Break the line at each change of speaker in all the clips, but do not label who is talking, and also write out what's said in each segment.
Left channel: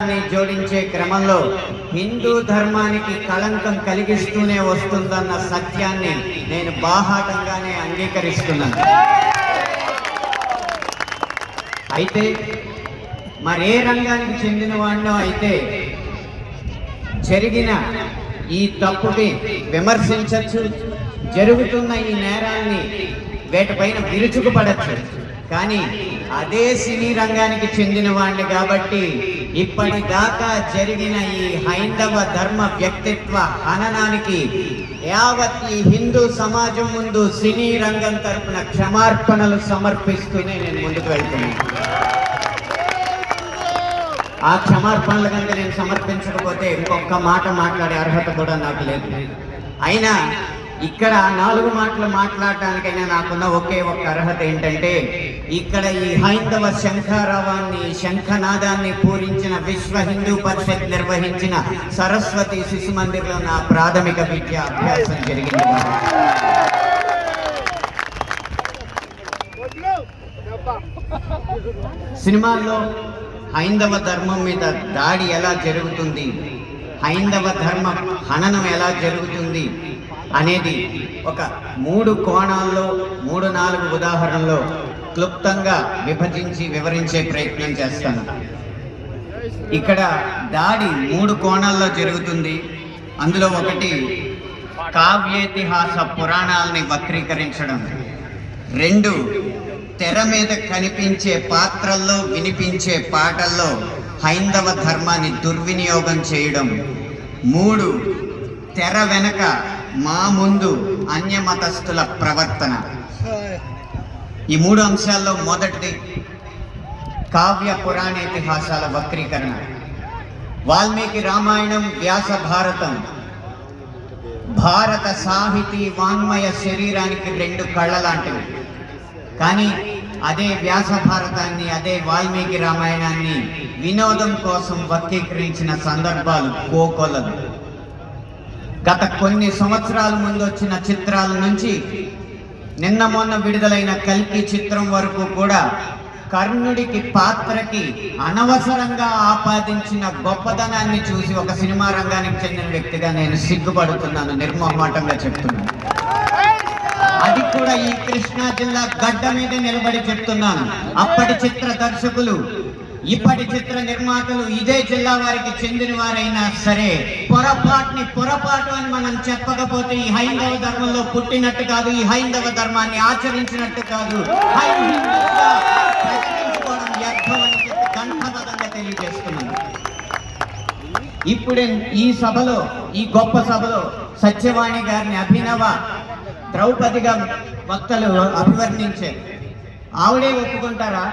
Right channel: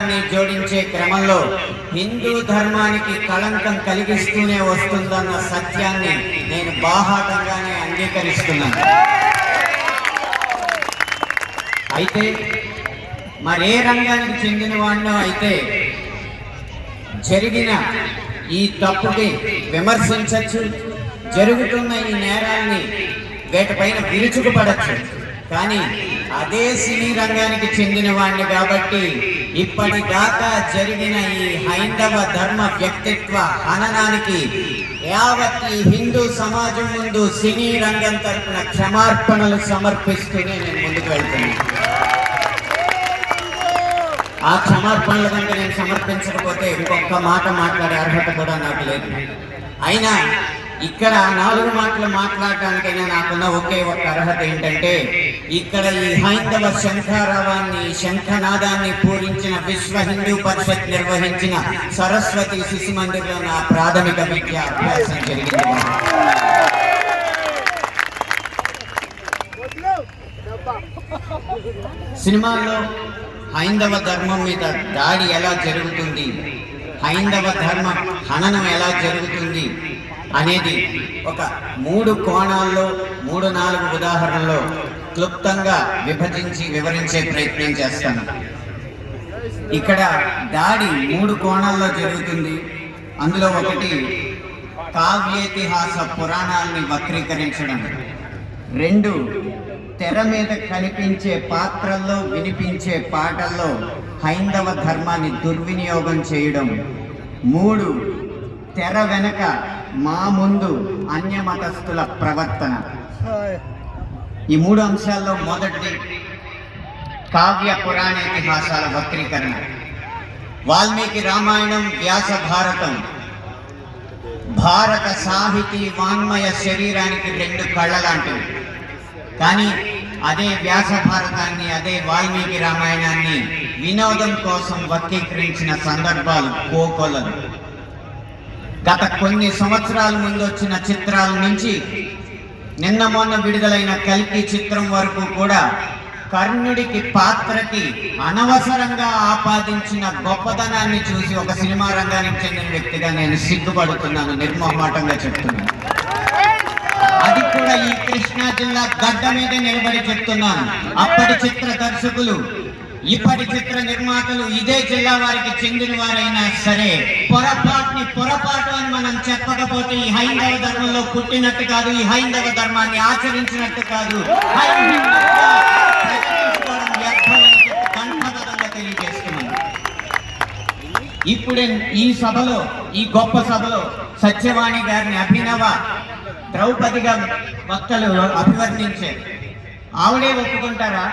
జోడించే క్రమంలో హిందూ ధర్మానికి కళంకం కలిగిస్తూనే వస్తుందన్న సత్యాన్ని నేను బాహాటంగానే అంగీకరిస్తున్నాను. అయితే మరే రంగానికి చెందిన వాళ్ళు అయితే జరిగిన ఈ తప్పుని విమర్శించవచ్చు జరుగుతున్న ఈ నేరాల్ని వేటపైన విరుచుకుపడచ్చు. కానీ అదే సినీ రంగానికి చెందిన వాడిని కాబట్టి ఇప్పటిదాకా జరిగిన ఈ హైందవ ధర్మ వ్యక్తిత్వ హననానికి యావత్ ఈ హిందూ సమాజం ముందు సినీ రంగం తరపున క్షమార్పణలు సమర్పిస్తూనే నేను ముందుకు వెళ్తున్నాను. ఆ క్షమార్పణలు కంటే నేను సమర్పించకపోతే ఇంకొక మాట మాట్లాడే అర్హత కూడా నాకు లేదు. అయినా ఇక్కడ నాలుగు మాటలు మాట్లాడటానికైనా నాకున్న ఒకే ఒక్క అర్హత ఏంటంటే ఇక్కడ ఈ హైందవ శంఖారావాన్ని శంఖనాదాన్ని పూరించిన విశ్వ హిందూ పరిషత్ నిర్వహించిన సరస్వతి శిశు మందిర్లో నా ప్రాథమిక విద్య అభ్యాసం జరిగింది. సినిమాల్లో హైందవ ధర్మం మీద దాడి ఎలా జరుగుతుంది? హైందవ ధర్మ హననం ఎలా జరుగుతుంది? అనేది ఒక మూడు కోణాల్లో మూడు నాలుగు ఉదాహరణలో క్లుప్తంగా విభజించి వివరించే ప్రయత్నం చేస్తాను. ఇక్కడ దాడి మూడు కోణాల్లో జరుగుతుంది. అందులో ఒకటి కావ్యేతిహాస పురాణాలని వక్రీకరించడం. రెండు తెర మీద కనిపించే పాత్రల్లో వినిపించే పాటల్లో హైందవ ధర్మాన్ని దుర్వినియోగం చేయడం. మూడు తెర వెనక మా ముందు అన్యమతస్థుల ప్రవర్తన. ఈ మూడు అంశాల్లో మొదటిది కావ్య పురాణ ఇతిహాసాల వక్రీకరణ. వాల్మీకి రామాయణం వ్యాస భారతం. భారత సాహితీ వాంగ్మయ శరీరానికి రెండు కళ్ళ లాంటివి కానీ అదే వ్యాస భారతాన్ని అదే వాల్మీకి రామాయణాన్ని వినోదం కోసం వక్రీకరించిన సందర్భాలు కోకొలలు. గత కొన్ని సంవత్సరాల ముందు వచ్చిన చిత్రాల నుంచి నిన్న మొన్న విడుదలైన కల్కి చిత్రం వరకు కూడా కర్ణుడికి పాత్రకి అనవసరంగా ఆపాదించిన గొప్పదనాన్ని చూసి ఒక సినిమా రంగానికి చెందిన వ్యక్తిగా నేను సిగ్గుపడుతున్నాను నిర్మోహమాటంగా చెప్తున్నాను. అది కూడా ఈ కృష్ణా జిల్లా గడ్డ మీద నిలబడి చెప్తున్నాను. అప్పటి చిత్ర దర్శకులు ఇప్పటి చిత్ర నిర్మాతలు ఇదే జిల్లా వారికి చెందిన వారైనా సరే పొరపాటుని పొరపాటు అని మనం చెప్పకపోతే ఈ హైందవ ధర్మంలో పుట్టినట్టు కాదు ఈ హైందవ ధర్మాన్ని ఆచరించినట్టు కాదు. తెలియజేస్తున్నాను. ఇప్పుడే ఈ సభలో ఈ గొప్ప సభలో సత్యవాణి గారిని అభినవ ద్రౌపదిగా వక్తలు అభివర్ణించారు. ఆవిడే ఒప్పుకుంటారా?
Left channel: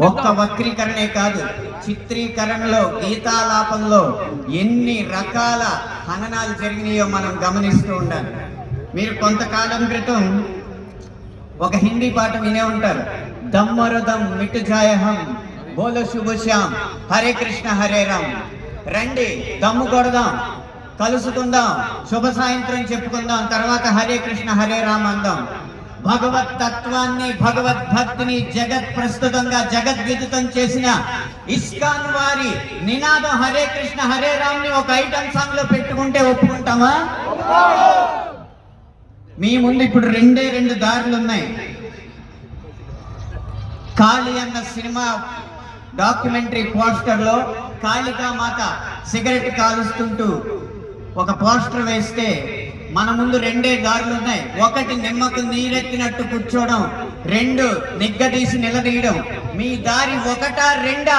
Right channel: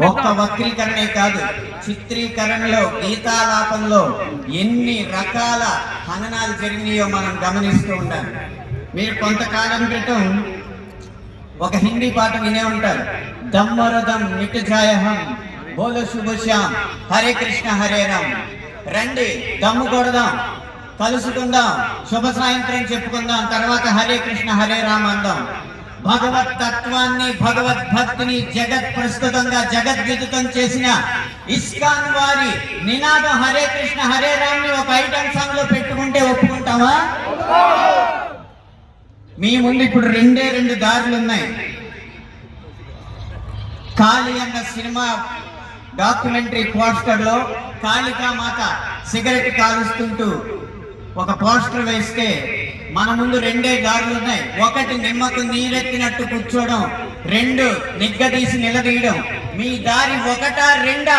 ఒక్క వక్రీకరణే కాదు చిత్రీకరణలో గీతాలాపంలో ఎన్ని రకాల హననాలు జరిగినాయో మనం గమనిస్తూ ఉండాలి. మీరు కొంతకాలం క్రితం ఒక హిందీ పాట వినే ఉంటారు. దమ్మరదం మిటుజాయహం బోల శుభశ్యామ్ హరే కృష్ణ హరే రామ్. రండి దమ్ము కొడదాం కలుసుకుందాం శుభ సాయంత్రం చెప్పుకుందాం తర్వాత హరే కృష్ణ హరే రామ్ అందాం. భగవత్ తత్వాన్ని భగవద్భక్తిని జగత్ ప్రస్తుతంగా జగద్విదితం చేసిన ఇస్కాన్ వారి నినాదం హరే కృష్ణ హరే రామ్ని ఒక ఐటమ్ సాంగ్లో పెట్టుకుంటే ఒప్పుకుంటామా? మీ ముందు ఇప్పుడు రెండే రెండు దారులు ఉన్నాయి. కాళీ అన్న సినిమా డాక్యుమెంటరీ పోస్టర్లో కాళికా మాత సిగరెట్ కాలుస్తుంటూ ఒక పోస్టర్ వేస్తే మన ముందు రెండే దారులు ఉన్నాయి. ఒకటి నిమ్మకు నీరెత్తినట్టు కూర్చోవడం రెండు నిగ్గదీసి నిలదీయడం. మీ దారి ఒకటా రెండా!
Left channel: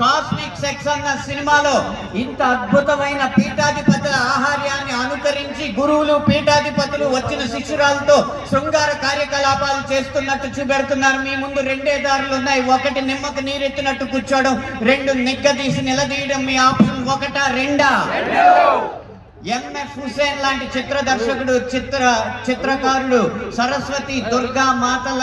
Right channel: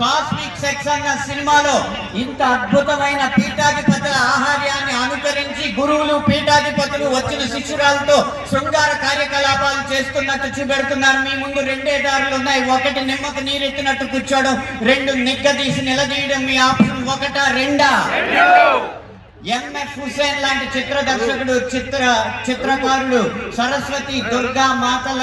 కాస్మిక్ సెక్స్ అన్న సినిమాలో ఇంత అద్భుతమైన పీఠాధిపతుల ఆహార్యాన్ని అనుకరించి గురువులు పీఠాధిపతులు వచ్చిన శిష్యురాలతో శృంగార కార్యకలాపాలు చేస్తున్నట్టు చూపెడుతున్నారు. మీ ముందు రెండే దారులు ఉన్నాయి. ఒకటి నిమ్మకు నీరెత్తినట్టు కూర్చోవడం రెండు నిగ్గదీసి నిలదీయడం మీ ఆప్షన్ ఒకటా రెండా? ఎంఎఫ్ హుసేన్ లాంటి చిత్ర దర్శకుడు చిత్ర చిత్రకారుడు సరస్వతి దుర్గా మాతల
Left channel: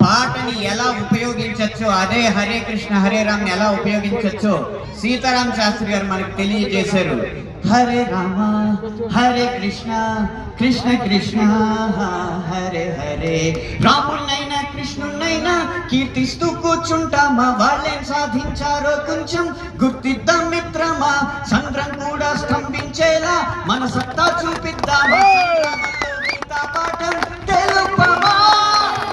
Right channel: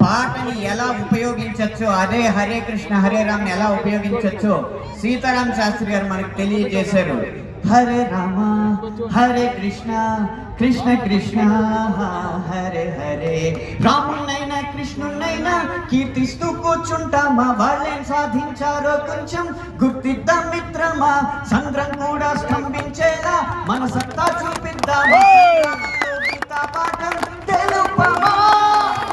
పాటని ఎలా ఉపయోగించవచ్చు అదే హరే కృష్ణ హరే రామ్ ఎలా ఉపయోగించవచ్చు సీతారాం శాస్త్రి గారు మనకు తెలియజేశారు. హరే రామ హరే కృష్ణ కృష్ణ కృష్ణ హరే హరే. రామున్నైనా కృష్ణున్నైనా కీర్తిస్తూ కూర్చుంటామా? వాళ్ళేం సాధించారో కొంచెం గుర్తిద్దాం మిత్రమా? చంద్రం కూడా స్తంభించేలా మన సత్తా చూపిద్దామా పాఠం తెలుపమా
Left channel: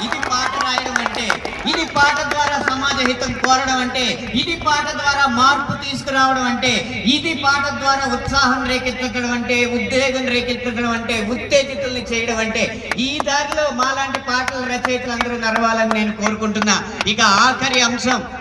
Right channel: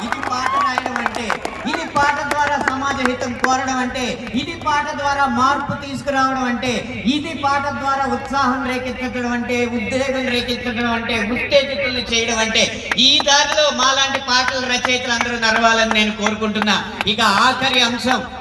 ఇది పాట రాయడం అంటే ఇది పాట ద్వారా సమాజ హితం కోరడం అంటే ఇది పాట ద్వారా మార్పు తీసుకురావడం అంటే ఇది పాట ద్వారా ఉత్సాహం రేకెత్తడం అంటే ఉద్వేగం రేకెత్తడం అంటే ఉత్తేజితులను చేయడం అంటే ఈ దారిలో మాలాంటి పాటల రచయితలు అందరూ నడవాలని నేను కోరుకుంటున్నా. ఇక ఆఖరి అంశం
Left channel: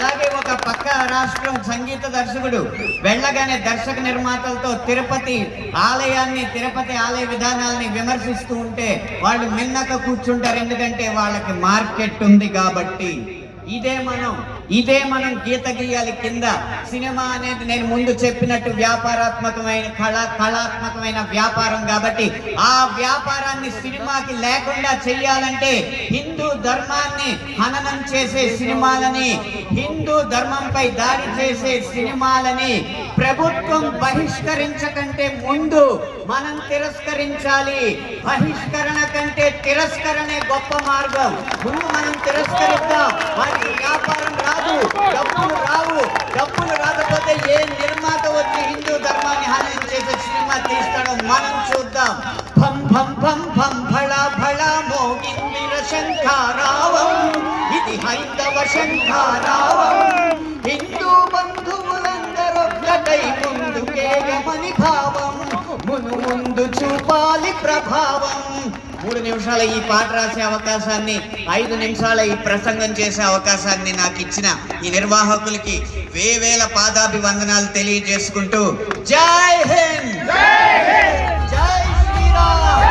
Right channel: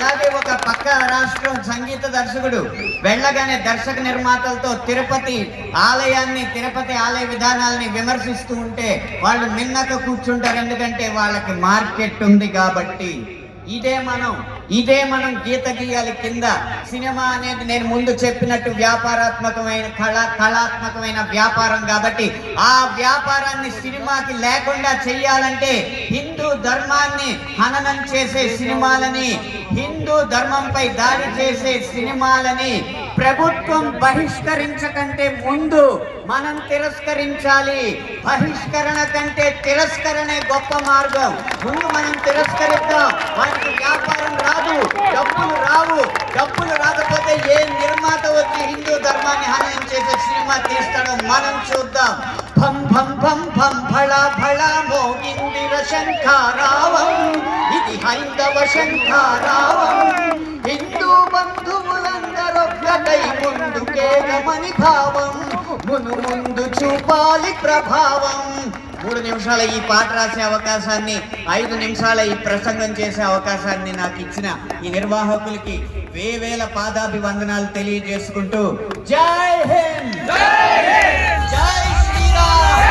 అలాగే ఒక పక్క రాష్ట్రం సంగీత దర్శకుడు వెళ్ళగానే దర్శక నిర్మాతలతో తిరుపతి ఆలయాన్ని తిరుపతి ఆలయ విధానాల్ని విమర్శిస్తూ ఉంటే వాళ్ళు మిన్నక కూర్చుంటారు. ఎందుకంటే వాళ్ళకి మార్కెట్ ఉంది కాబట్టి. ఇదే మనం ఇదే మనం గీత గీయాలి కింద. సినిమా అనేది నేను ముందు చెప్పినట్టు వ్యాపారాత్మకమైన కళ కళాత్మకమైన వ్యాపారం కాబట్టి ఆ వ్యాపారాన్ని సినిమాకి లేకుండా చెయ్యాలంటే హిందూ ధర్మాన్ని హననం చేసే సినిమాలని హిందూ ధర్మంపై దాడి చేసే సినిమాలని ప్రభుత్వం బహిష్కరించకంటే ముందు మనం తిరస్కరించాలి. బహిష్కరణ కంటే తిరస్కరణే గొప్ప మార్గం. ముందు మనం తిరస్కరిద్దాం. వారికి వ్యాపారం రాదు డబ్బులు రావు. డబ్బులు రాకపోతే ఏ నిర్మాత వచ్చి హిందూ ధర్మాన్ని హాని చేసే సినిమా తీస్తాడో మనం చూద్దాం. భం భం భం భం ఫళ ఫళ మోగిందిర శంఖారావం ఇది హైందవ శంఖారావం హిందూ బంధువులందరొక్కటై ముందుకే భావం మును ముందు చూపాలి ప్రభావం మూడు నిమిషాల ఈ పాట రాసే అవకాశాన్ని ఐదు నిమిషాల ఈ ప్రసంగం చేసే అవకాశాన్ని నాకు ఇచ్చిన ఈ నిర్వాహకులకి వేవేల పాదాభివందనాలు తెలియజేసుకుంటూ జై హింద్! జై శ్రీరామ్